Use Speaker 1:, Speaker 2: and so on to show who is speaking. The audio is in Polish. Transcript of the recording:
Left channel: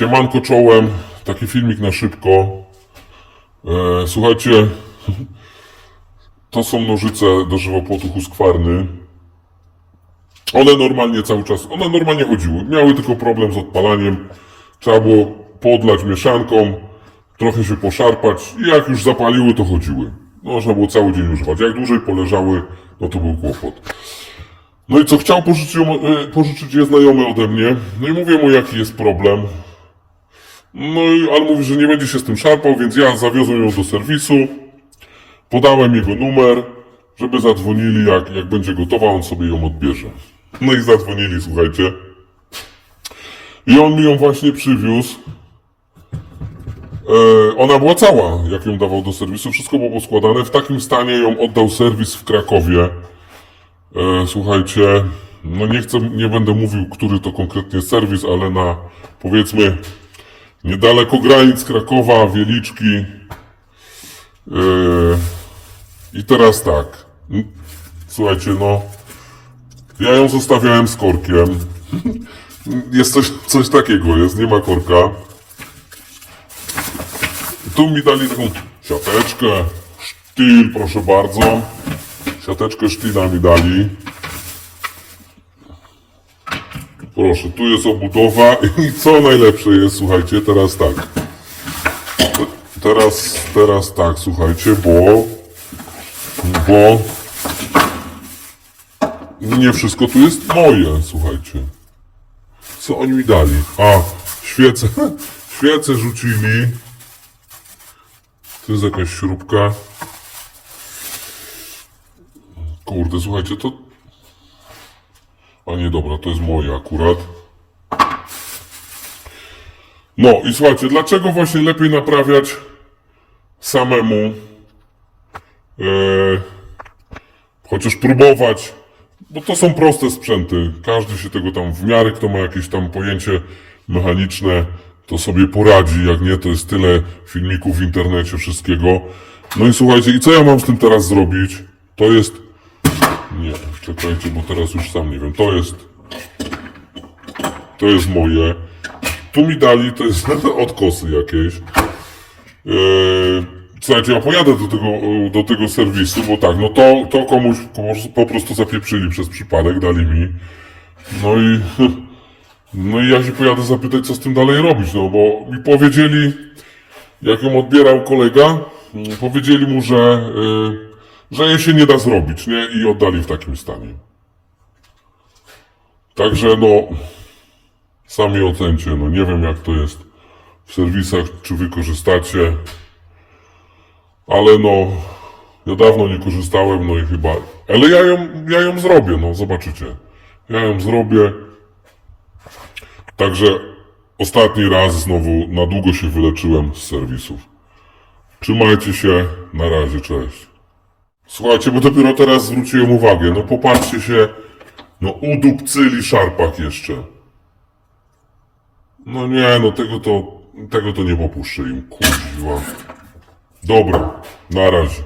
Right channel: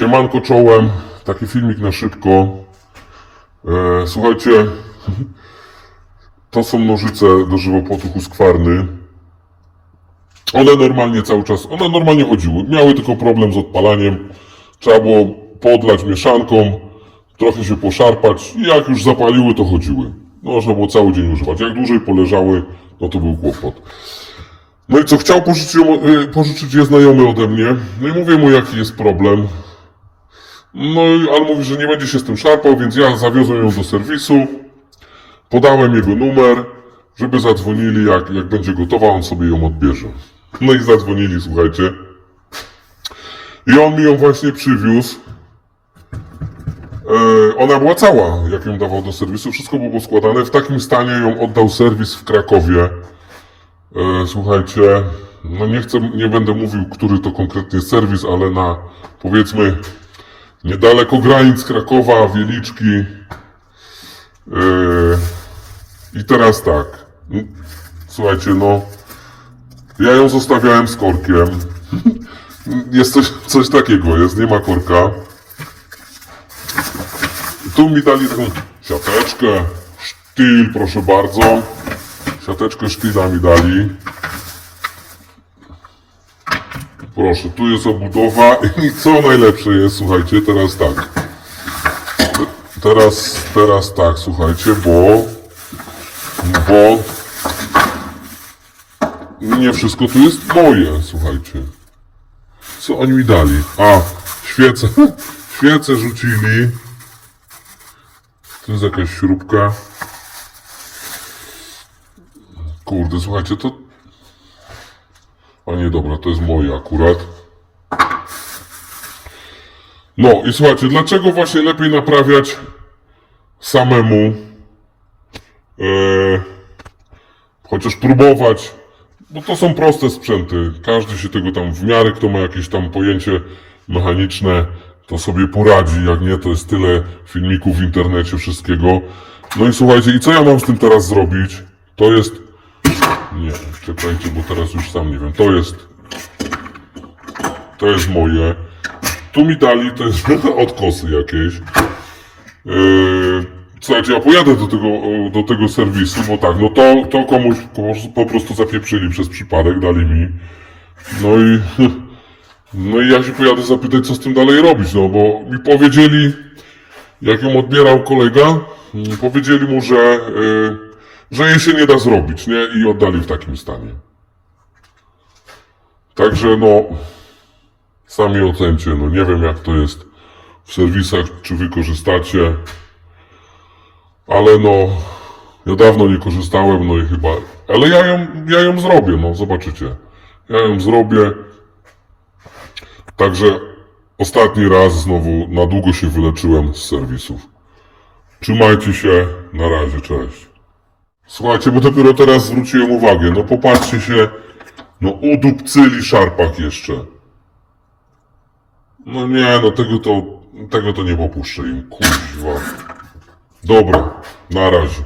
Speaker 1: Siemanko czołem, taki filmik na szybko. E, słuchajcie, to są nożyce do żywopłotu Husqvarny. One normalnie cały czas, one normalnie chodziły. Miały tylko problem z odpalaniem. Trzeba było podlać mieszanką, trochę się poszarpać i jak już zapaliły, to chodziły. Można było cały dzień używać. Jak dłużej poleżały, no to był kłopot. No i co, chciał pożyczyć, e, pożyczyć je znajomy ode mnie. No i mówię mu, jaki jest problem. No i mówi, że nie będzie się z tym szarpał, więc ja zawiozłem ją do serwisu. Podałem jego numer, żeby zadzwonili, jak, jak będzie gotowa, on sobie ją odbierze. No i zadzwonili, słuchajcie. I on mi ją właśnie przywiózł. E, ona była cała, jak ją dawał do serwisu, wszystko było składane. W takim stanie ją oddał serwis w Krakowie. E, słuchajcie, no nie chcę, nie będę mówił, który to konkretnie serwis, ale na powiedzmy niedaleko granic Krakowa, Wieliczki. E, I teraz tak. Słuchajcie, no. Ja ją zostawiałem z korkiem. Jest coś, coś takiego, jest, nie ma korka. Tu mi dali taką siateczkę, sztyl, proszę bardzo. Siateczkę sztyla mi dali. Proszę, tu jest obudowa i co najlepsze jest, słuchajcie, teraz tak. Teraz, teraz tak, słuchajcie, bo, bo nie wszystko tu jest moje, słuchajcie. Co oni mi dali? A, świece, świece rzucili. Tu jest jakaś śrubka. Kurde, słuchajcie, to... O nie, dobra, to jest moje akurat. No i słuchajcie, dlaczego właśnie lepiej naprawiać samemu? Eee, chociaż próbować, bo to są proste sprzęty. Każdy się tego tam w miarę, kto ma jakieś tam pojęcie mechaniczne, to sobie poradzi. Jak nie, to jest tyle filmików w internecie, wszystkiego. No i słuchajcie, i co ja mam z tym teraz zrobić? To jest nie, czekajcie, bo teraz już sam nie wiem. To jest. To jest moje. Tu mi dali, to jest odkosy jakieś. Yy, słuchajcie, ja pojadę do tego, do tego serwisu, bo tak, no to, to komuś po- po prostu zapieprzyli przez przypadek, dali mi. No i. No i ja się pojadę zapytać, co z tym dalej robić, no bo mi powiedzieli, jak ją odbierał kolega, mm, powiedzieli mu, że. Yy, że jej się nie da zrobić, nie? I oddali w takim stanie. Także no, sami ocencie, no nie wiem jak to jest w serwisach, czy wy korzystacie, ale no, ja dawno nie korzystałem, no i chyba, ale ja ją, ja ją zrobię, no zobaczycie. Ja ją zrobię. Także ostatni raz znowu na długo się wyleczyłem z serwisów. Trzymajcie się, na razie, cześć. Słuchajcie, bo dopiero teraz zwróciłem uwagę. No popatrzcie się, no udupcyli szarpak jeszcze. No nie, no tego to, tego to nie popuszczę im, kurwa. Dobra, na razie.